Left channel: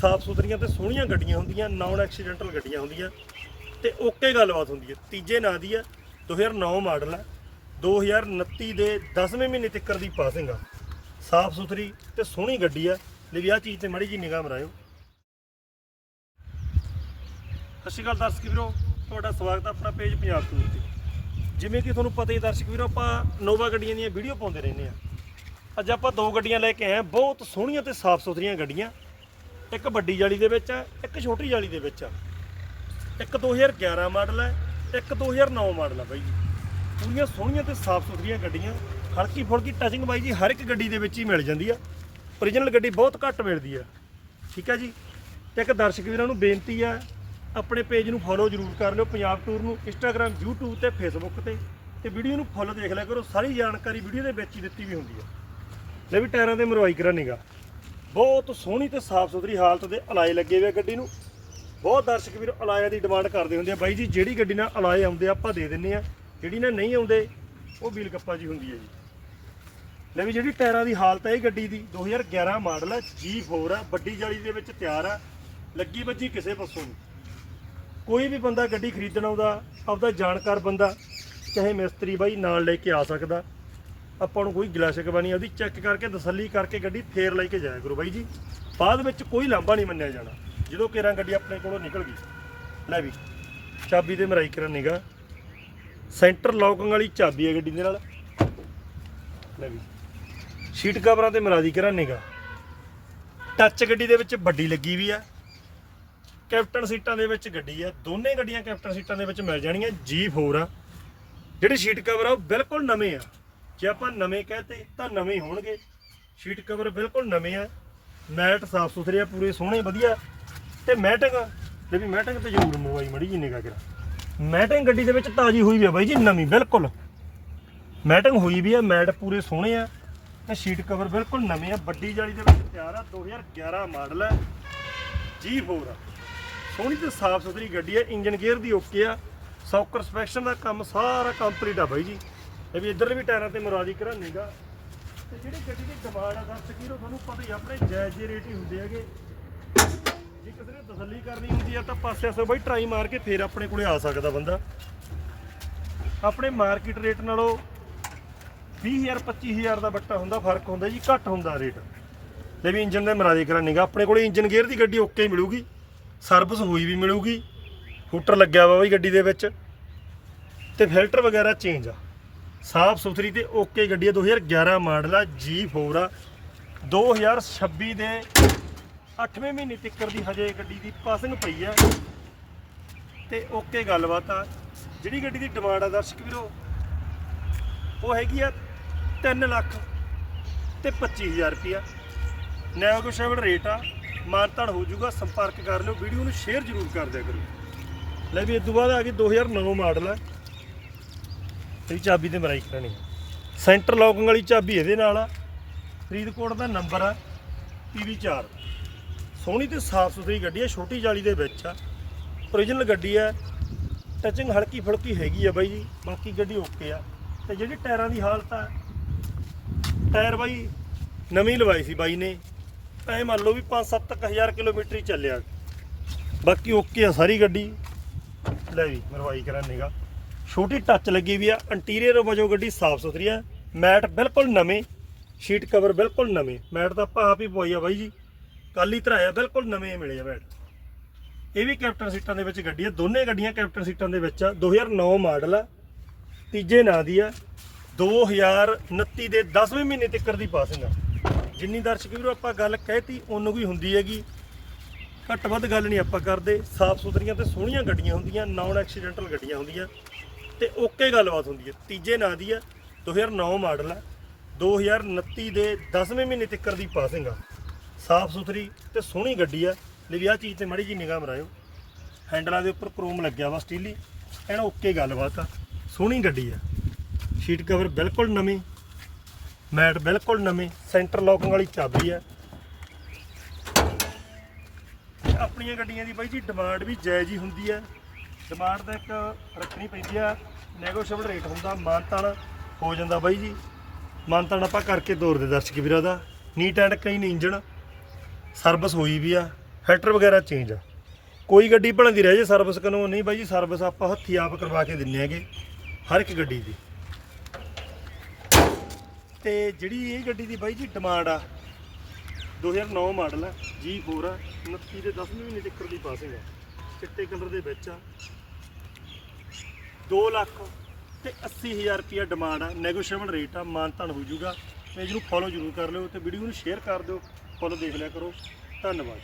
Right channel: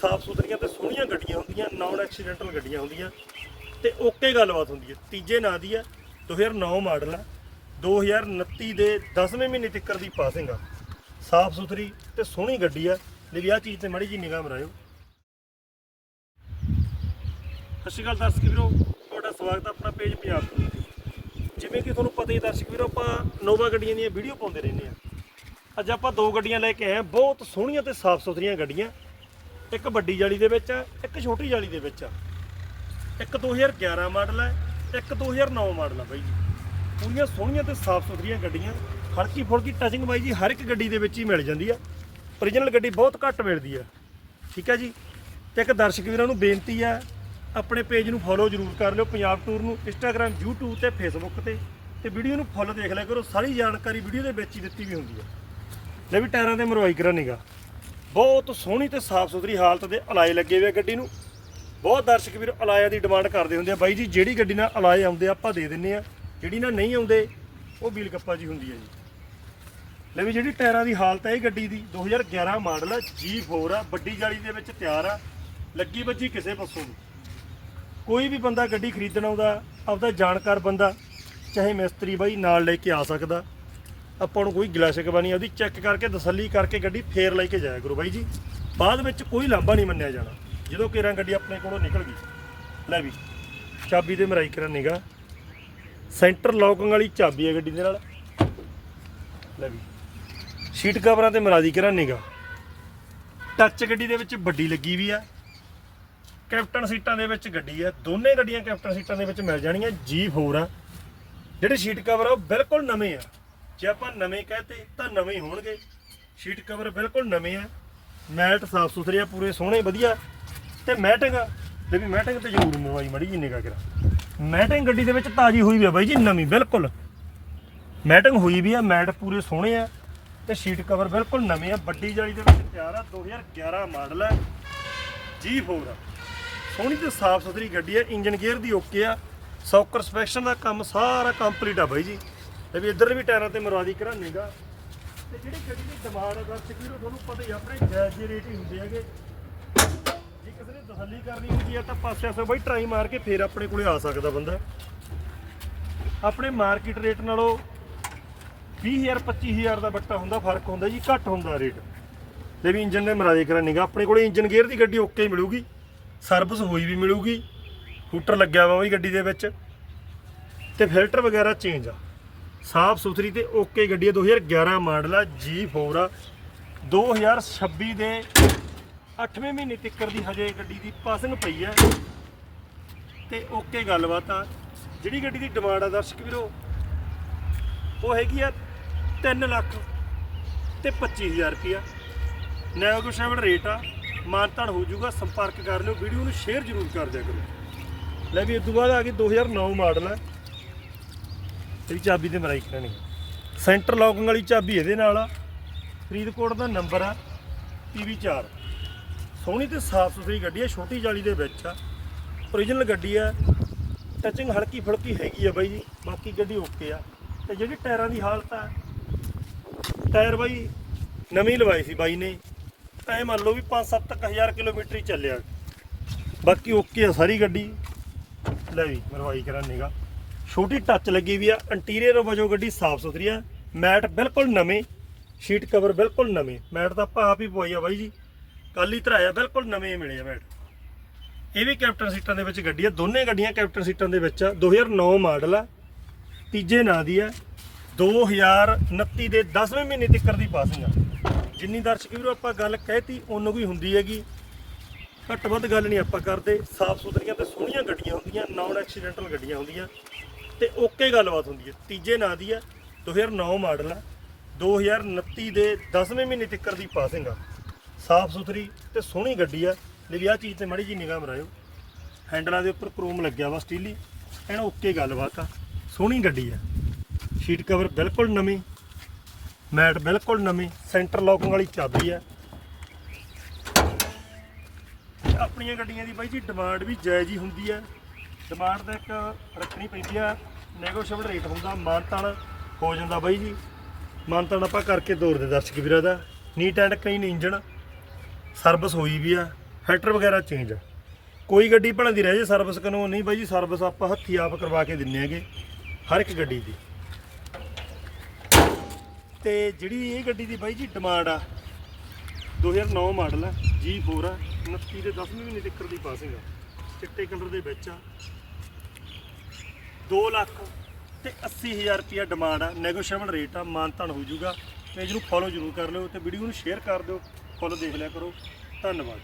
ਸਾਫ਼ ਸੁਥਰੀਆਂ ਤੇ ਸੋਹਣੀਆਂ ਗੱਡੀਆਂ ਹੁੰਦੀਆਂ ਨਾਨ ਐਕਸੀਡੈਂਟਲ ਗੱਡੀਆਂ ਹੁੰਦੀਆਂ ਤੇ ਓਕੇ ਗੱਲਬਾਤ ਹੁੰਦੀ ਹੈ। ਤੀਜੇ ਨਾਂ ਦੀ ਆ 2009 ਮਾਡਲ ਆ 2029 ਦੇ 10ਵੇਂ ਮਹੀਨੇ ਤੱਕ ਦੀ ਪਾਸਿੰਗ ਆ। ਸਾਫ਼ ਸੁਥਰੀ ਤੇ ਸੋਹਣੀ ਗੱਡੀ ਆ। ਲੈ ਵੀ ਆਹ ਚੀਜ਼ ਤੇ ਮੜੀ ਜੀ ਨਿਗਾਹ ਮਰਾਇਓ ਸਤਿ ਸ਼੍ਰੀ ਅਕਾਲ ਦਰਸ਼ਕ ਵੀਰੋ, ਤੁਹਾਡਾ ਸਵਾਗਤ ਹੈ ਆਪਣਾ ਪੇਜ ਪੰਜਾਬ ਤੋਂ। ਤੇ ਜਿਵੇਂ ਕਿ ਤੁਹਾਨੂੰ ਪਤਾ ਹੀ ਹੈ ਦਰਸ਼ਕ ਵੀਰੋ, ਆਪਾਂ ਨੋਵਾ ਗੱਡੀਆਂ ਦੀਆਂ ਵੀਡੀਓ ਪਾਉਂਦੇ ਰਹਿੰਦੇ ਆ ਅੱਜ ਆਪਾਂ ਦੋ ਗੱਡੀਆਂ ਲੈ ਕੇ ਆਏ ਹਾਂ, ਬਹੁਤ ਸੋਹਣੀਆਂ ਤੇ ਸਾਫ਼ ਸੁਥਰੀਆਂ ਗੱਡੀਆਂ। ਇੱਕ ਵੱਡੀ ਜਾਲੀ ਦੇ ਵਿੱਚ ਹੈ, ਇੱਕ ਛੋਟੀ ਜਾਲੀ ਦੇ ਵਿੱਚ ਹੈ। ਇੱਕ 2011 ਮਾਡਲ ਹੈ, ਇੱਕ 2009 ਮਾਡਲ ਹੈ ਬਾਈ ਜੀ। ਪੂਰੀਆਂ ਸੋਹਣੀਆਂ ਤੇ ਸਾਫ਼ ਸੁਥਰੀਆਂ ਗੱਡੀਆਂ, ਹਲਕੀ ਫੁਲਕੀ ਟਚਿੰਗ ਬਾਈ ਜੀ, ਹਰ ਇੱਕ ਗੱਡੀ ਦੇ ਵਿੱਚ ਹੀ ਮਿਲ ਜਾਂਦੀ ਆ ਓਰੀਜਨਲ ਗੱਡੀ ਬਹੁਤ ਘੱਟ ਮਿਲਦੀ ਆ ਠੀਕ ਹੈ ਜੀ? ਤੇ ਇੱਕ ਦਰਸ਼ਕ ਵੀਰਾਂ ਨੂੰ ਬੇਨਤੀ ਹੈ, ਆਪਣੇ ਪੇਜ ਨੂੰ ਫੋਲੋ ਜ਼ਰੂਰ ਕਰ ਲਿਓ ਪੰਜਾਬ ਟੂਰ ਨੂੰ ਇੰਸਟਾਗ੍ਰam YouTube ਤੇ Facebook ਤੇ। ਤੇ ਵੀਡੀਓ ਨੂੰ ਫੁੱਲ ਦੇਖ ਲਿਆ ਕਰੋ, ਸਾਰੀ ਜਾਣਕਾਰੀ ਵੀਡੀਓ ਦੇ ਵਿੱਚ ਹੀ ਦਿੱਤੀ ਵੀ ਹੁੰਦੀ ਹੈ। ਲੈ ਵੀ ਟਾਇਰਾਂ ਤੇ ਮਰਵਾਈ ਕਰਾ ਨਿਗਾ ਬਹੁਤ ਸੋਹਣੀ ਤੇ ਸਾਫ਼ ਸੁਥਰੀ ਹਾਲਤ ਦੇ ਅਲਾਏ ਲੱਗੇ ਹੋਏ ਆ ਗੱਡੀ ਨੂੰ। ਬਹੁਤ ਦਰਸ਼ਕ ਵੀਰ, ਅਲਾਇਆ ਦੀ ਡਿਮਾਂਡ ਕਰਦੇ ਹੁੰਦੇ ਆ। ਬਾਈ ਜੀ, ਜਿਹੜੀ ਗੱਡੀ ਨਾਲ ਅਲਾਏ ਆਉਂਦੇ ਆ, ਆਪਾਂ ਦੇ ਦਿੰਨੇ ਆ। ਜਿਹੜੀ ਨਾਲ ਨਹੀਂ ਆਉਂਦੇ, ਉਹ ਵੀਲ ਗੱਪਾ ਜੀ ਹੁੰਦੀ ਹੈ ਜੀ। ਲੈ ਵੀ ਜਿਹੜੀ ਟਾਇਰਾਂ ਦੀ ਹਾਲਤ ਹੈ ਇਹ ਗੱਡੀ ਦੀ 2011 ਮਾਡਲ ਆ G4 ਆ, ਵੱਡੀ ਜਾਲੀ ਦੇ ਵਿੱਚ ਤਿਆਰ ਆ, ਲੱਗੀ ਵੱਜੀ ਕਿਸੇ ਪਾਸੋਂ ਨਹੀਂ ਕੋਈ ਵੀ ਬੰਦਾ ਗੱਡੀ ਖਰੀਦਣ ਆਉਂਦਾ, ਆਪਦਾ ਜਾਣਕਾਰ ਬੰਦਾ, ਚਾਹੇ ਮਿਸਤਰੀ ਬਾਈ ਨਾਲ ਲੈ ਕੇ ਆ ਸਕਦਾ। ਆਪਾਂ ਨੂੰ ਕੋਈ ਗਿਲਾ ਸ਼ਿਕਵਾ ਨਹੀਂ ਉਹਦੀ ਚੈੱਕ ਕਰਕੇ, ਤਸੱਲੀ ਕਰਕੇ ਗੱਡੀ ਫੇਰ ਲੈ ਕੇ ਜਾਇਆ ਕਰੋ ਬਾਈ ਜੀ। ਬਾਅਦ ਵਿੱਚ ਕੋਈ ਲਾਂਭਾ ਨਹੀਂ ਮੰਨਿਆ ਜਾਣਾ। ਜਦੋਂ ਕੇਰਾਂ ਗੱਡੀ ਆਪਣੇ ਕੋਲੋਂ ਨਿਕਲ ਗਈ, ਲੈ ਵੀ, ਚਾਬੀ ਤੇ ਮਰਾਈ ਕਰਨ ਨਿਗਾ ਸੈਂਟਰ ਲੌਕਿੰਗ ਵਾਲੀ ਚਾਬੀ ਹੈ ਗੱਡੀ ਦੇ ਨਾਲ। ਲੈ ਵੀ ਸ਼ੀਟ ਕਵਰਾਂ ਤੇ ਮਰਾਦੀ ਕਰਾਂ ਨਿਗਾ ਟੱਚ ਗੱਡੀ ਦੇ ਵਿੱਚ ਵੱਡੀ ਲੱਗੀ ਵੀ ਆ। ਕੈਪਟਨ ਸੀਟਾਂ ਦੇ ਵਿੱਚ ਗੱਡੀ ਆ। ਦੋਨੇ ਗੱਡੀਆਂ ਕੈਪਟਨ ਸੀਟਾਂ ਦੇ ਵਿੱਚ ਮਿਲ ਜਾਣੀਆਂ G4 ਆ। ਜਿਹੜੇ ਸ਼ੀਟ ਕਵਰ ਆ, ਉਹ ਬਿਲਕੁਲ ਨਵੇਂ ਆ। ਜੇ ਆਪਾਂ ਨਵੇਂ ਕਹਤੇ ਤਾਂ ਨਵੇਂ ਹੀ ਹੋਣਗੇ। ਸ਼ੀਟ ਕਵਰ ਬਿਲਕੁਲ ਨਵੇਂ ਆ। ਮੈਟ ਸਾਫ਼ ਸੁਥਰੇ ਆ, ਪੂਰੇ ਸੋਹਣੇ, ਵਧੀਆ। ਤੇ ਮੈਟਿੰਗ ਤੇ ਵੀ ਮੈਟਿੰਗ ਤੇ ਜ਼ਰੂਰ ਮੋਬਾਈ ਮੜੀ ਜੀ ਨਿਗਾ ਕਰਾ। ਮੈਟਿੰਗ ਗੱਡੀ ਦੇ ਵਿੱਚ ਤਾਜੀ ਹੋਈ ਵੀ ਆ ਬਾਈ ਜੀ, ਨਵੀਂ, ਬਿਲਕੁਲ। ਮੈਟਿੰਗ ਹੋਈ ਵੀ ਆ, ਮੈਟ ਪੂਰੇ ਸੋਹਣੇ ਆ। ਤੇ ਸ਼ੀਟ ਕਵਰ ਬਿਲਕੁਲ ਨਵੇਂ ਆ। ਵੱਡੀ ਜਾਲੀ ਦੇ ਵਿੱਚ ਤਿਆਰ ਆ 2011 ਮਾਡਲ ਆ। G4 ਆ। ਸੋਹਣੀ ਤੇ ਸਾਫ਼ ਸੁਥਰੀ ਗੱਡੀ ਆ। ਇੰਜਨ ਗੇਅਰ ਦੀ ਓਕੇ ਆ। ਸੌਕਰ ਸਪੈਕਸ਼ਨ ਦਾ ਕੰਮ ਸਾਰਾ ਕੰਪਲੀਟ ਆ ਬਾਈ ਜੀ। ਇਹ ਵੀ ਇੱਧਰ ਵੀ ਟਾਇਰਾਂ ਤੇ ਮਰਵਾਦੀ ਕਰਾਂਗਾ ਤੇ ਜਿਹੜੀ ਗੱਡੀ ਦੀ ਡਿਮਾਂਡ ਆ ਦਰਸ਼ਕ ਵੀਰੋ ਤੁਹਾਨੂੰ ਪਤਾ ਹੀ ਆ, ਆਪਣੇ ਜਾਇਜ਼ ਜਿਹੇ ਰੇਟ ਹੀ ਹੁੰਦੇ ਹੈਗੇ। ਜੇ ਕਿਸੇ ਨੇ ਤਸੱਲੀ ਕਰਨੀ ਹੁੰਦੀ ਆ ਤਾਂ ਪਾਸੇ ਆਸੇ ਬਾਈ ਟਰਾਈ ਮਾਰ ਕੇ ਫੇਰ ਆਪਣੇ ਕੋਲੇ ਆ ਸਕਦਾ ਬੰਦਾ। ਆਪਣੇ ਮਾਰਕੀਟ ਰੇਟ ਨਾਲੋਂ 20000 25000 ਦਾ ਬੱਟਾ ਹੁੰਦਾ ਫ਼ਰਕ ਹੁੰਦਾ ਜੀ ਘੱਟ ਹੁੰਦਾ ਰੇਟ। ਇਹ ਵੀ ਇੰਜਨ ਦੇ ਮਰਾਜੇ ਕਰਾਂ ਨਿਗਾ ਆਪਣੇ ਕੋਲੇ ਇੰਜਨ ਗੇਅਰ ਦੀ ਗੱਡੀ ਓਕੇ ਮਿਲੂਗੀ। ਸਰਵਿਸ ਹੋਈ ਵੀ ਮਿਲੂਗੀ। ਹੂਟਰ ਲੱਗਿਆ ਵਾ ਬਈ ਗੱਡੀ ਦੇ ਵਿੱਚ। ਤੇ ਫਿਲਟਰ ਵਗੈਰਾ ਚੇਂਜ ਆ। ਸਾਫ਼ ਸੁਥਰੀ ਤੇ ਓਕੇ ਗੱਡੀ ਆ 2011 ਮਾਡਲ ਆ G4 ਆ। 2026 ਦੇ 8ਵੇਂ ਮਹੀਨੇ ਤੱਕ ਦੀ ਹਜੇ ਗੱਡੀ ਦੀ ਪਾਸਿੰਗ ਪਈ ਆ। ਤੇ ਓਕੇ ਗੱਲਬਾਤ ਆ। ਜਿਹੜੀ ਗੱਡੀ ਦੀ ਡਿਮਾਂਡ ਆ, ਦਰਸ਼ਕ ਵੀਰੋ, ਉਹ ਹੈਗੀ ਆ 3 ਲੱਖ ਤੇ 25000 ਰੁਪਿਆ ਨੈਗੋਸ਼ੀਏਬਲ ਰੇਟ ਆ। ਮਾਨਤਾਨ ਹੋ ਜਾਊਗਾ, ਸੰਪਰਕ ਕਰ ਲਿਓ। ਵੀਡੀਓ ਨੂੰ ਸ਼ੇਅਰ ਜ਼ਰੂਰ ਕਰ ਦਿਆ ਕਰੋ। ਲੈ ਵੀ ਇਸ ਤੋਂ ਬਾਅਦ ਆ ਗਈ 2009 ਮਾਡਲ ਆ। ਇਹਦੀ ਚਾਬੀ ਤੇ ਮਰਾਈ ਕਰਨੀ ਸੈਂਟਰ ਲੌਕਿੰਗ ਵਾਲੀ ਚਾਬੀ ਇਹਦੇ ਨਾਲ ਆ। ਫਰੀਦਕੋਟ ਦਾ ਨੰਬਰ ਆ PV4 ਸੋਹਣੀ ਤੇ ਸਾਫ਼ ਸੁਥਰੀ ਗੱਡੀ ਆ, ਛੋਟੀ ਜਾਲੀ ਦੇ ਵਿੱਚ ਆ। ਓਰੀਜਨਲ ਗੱਡੀ ਆ। ਟਚਿੰਗ ਹਲਕੀ ਫੁਲਕੀ ਹੈਗੀ ਆ ਬਾਈ ਜੀ, ਬਾਕੀ ਗੱਡੀ ਓਕੇ ਆ। ਤੇ ਜਿਹੜੀ ਟਾਇਰਾਂ ਦੀ ਹਾਲਤ ਆ, ਟਾਇਰ ਬਾਈ ਨਵੀਂ ਲਵਾਈ ਸੀ ਬਾਈ ਨੇ। ਐ ਮੰਨ ਲਓ ਵੀ 5-7000 ਕਿਲੋਮੀਟਰ ਹੀ ਚੱਲਿਆ। ਬਾਕੀ ਓਕੇ ਆ ਸਾਰੀ ਗੱਡੀ। ਲੈ ਵੀ, ਮਰਵਾਈ ਕਰਾਂ ਨਿਗਾ ਛੋਟੀ ਟੱਚ ਲੱਗੀ ਵੀ ਆ ਇੰਟੀਰੀਅਰ ਵਜੋਂ ਗੱਡੀ ਸਾਫ਼ ਸੁਥਰੀ ਆ, ਮੈਟ ਬਿਲਕੁਲ ਨਵੇਂ ਸ਼ੀਟ ਕਵਰ ਬਿਲਕੁਲ ਨਵੇਂ, ਮੈਟ ਤਾਂ ਆਪਾਂ ਆਪ ਹੀ ਪਵਾਈ ਆ ਬਾਈ ਜੀ ਕੱਲ ਹੀ ਧਰਾਇਆ, ਬਿਲਕੁਲ ਨਵੇਂ ਮਿਲੇ ਆ ਮੈਟ। ਇਹ ਵੀ ਕੈਪਟਨ ਸੀਟਾਂ ਦੇ ਵਿੱਚ ਗੱਡੀ ਆ, ਦੋਨੇ ਗੱਡੀਆਂ ਕੈਪਟਨ ਸੀਟਾਂ ਦੇ ਵਿੱਚ ਆ 2009 ਮਾਡਲ ਆ, ਤੀਜੇ ਨਾਂ ਦੀ ਆ 2029 ਦੇ 10ਵੇਂ ਮਹੀਨੇ ਤੱਕ ਦੀ ਪਾਸਿੰਗ ਆ। ਜਿੰਨੀ ਦਰਸ਼ਕ ਵੀਰੋ ਆਪਾਂ ਗੱਲ ਕਹਿਤੀ, ਉਹਨੂੰ ਵੀ ਹੁੰਦੀ ਹੈਗੀ। ਘੱਟ ਵੱਧ ਗੱਲ ਨਹੀਂ ਆਪਾਂ ਕਰਦੇ, ਸਾਫ਼ ਸੁਥਰੀਆਂ ਤੇ ਸੋਹਣੀਆਂ ਗੱਡੀਆਂ ਹੁੰਦੀਆਂ ਨਾਨ ਐਕਸੀਡੈਂਟਲ ਗੱਡੀਆਂ ਹੁੰਦੀਆਂ। ਤੇ ਓਕੇ ਗੱਲਬਾਤ ਹੁੰਦੀ ਹੈ। ਤੀਜੇ ਨਾਂ ਦੀ ਆ 2009 ਮਾਡਲ ਆ 2029 ਦੇ 10ਵੇਂ ਮਹੀਨੇ ਤੱਕ ਦੀ ਪਾਸਿੰਗ ਆ। ਸਾਫ਼ ਸੁਥਰੀ ਤੇ ਸੋਹਣੀ ਗੱਡੀ ਆ। ਲੈ ਵੀ ਆਹ ਚੀਜ਼ ਤੇ ਮਾੜੀ ਜੀ ਨਿਗਾਹ ਮਰਾਇਓ ਹੈਂਡਲਾਂ ਦੇ ਉੱਪਰ ਕ੍ਰੋਮ ਲੱਗਿਆ ਵਾ ਸਟੀਲੀ ਐਨ ਓਕੇ ਗੱਲਬਾਤ ਆ। ਸੋਹਣੀ ਗੱਡੀ ਆ। ਸ਼ੀਟ ਕਵਰ ਬਿਲਕੁਲ ਨਵੀਂ। ਮੈਟ ਬਿਲਕੁਲ ਨਵੀਂ। ਸੈਂਟਰ ਲੌਕਿੰਗ ਵਾਲੀ ਚਾਬੀ ਆ। ਆਪਣੀਆਂ ਗੱਡੀਆਂ ਦੀ ਬਾਈ ਜੀ ਡਿਮਾਂਡ ਵੀ ਜਾਇਜ਼ ਹੀ ਹੁੰਦੀ ਆ। ਡਿਮਾਂਡ ਤਾਂ ਇੱਕ ਰੱਖਣੀ ਪੈਂਦੀ ਆ ਨੈਗੋਸ਼ੀਏਬਲ ਰੇਟ ਹੁੰਦਾ ਮਾਨਤਾਨ ਹੋ ਜਾਂਦਾ ਬਾਈ ਜੀ। ਮਾਨਤਾਨ ਆਪਾਂ ਕਰਕੇ ਤੋਰਦੇ ਦਰਸ਼ਕ ਵੀਰਾਂ ਦਾ। Neat and clean engine service ਹੋਈ ਵੀ ਆ ਫਿਲਟਰ ਵਗੈਰਾ ਚੇਂਜ ਆ। ਕੋਈ ਗੱਡੀ ਭਲਾਂ ਦੀ ਰਹਿ ਜੇ ਸਰਵਿਸ ਕਰਨੋਂ ਨਹੀਂ ਬਾਈ ਜੀ ਸਰਵਿਸ ਆਪਾਂ ਹੱਥੀ ਆਪ ਕਰਵਾ ਕੇ ਦਿੰਨੇ ਹੈਗੇ, ਹਰ ਇੱਕ ਗੱਡੀ ਦੀ। ਤੇ ਜਿਹੜੀ ਇਹ ਗੱਡੀ ਦੀ ਬਾਈ ਜੀ ਡਿਮਾਂਡ ਆ 2009 ਮਾਡਲ ਆ G4 ਆ 29 ਦੇ 10ਵੇਂ ਮਹੀਨੇ ਤੱਕ ਦੀ ਪਾਸਿੰਗ ਆ। ਚਿੱਟੇ ਕਲਰ ਦੇ ਵਿੱਚ ਆ 2 ਲੱਖ ਤੇ 80000 ਰੁਪਿਆ ਡਿਮਾਂਡ ਆ। ਨੈਗੋਸ਼ੀਏਬਲ ਰੇਟ ਆ ਮਾਨਤਾਨ ਹੋ ਜਾਊਗਾ। ਪੇਜ ਨੂੰ ਫੋਲੋ ਜ਼ਰੂਰ ਕਰ ਲਿਓ ਤੇ ਵੀਡੀਓ ਨੂੰ ਸ਼ੇਅਰ ਕਰ ਦਿਓ। ਫੁੱਲ ਦੇਖ ਲਿਆ ਕਰੋ। ਧੰਨਵਾਦ।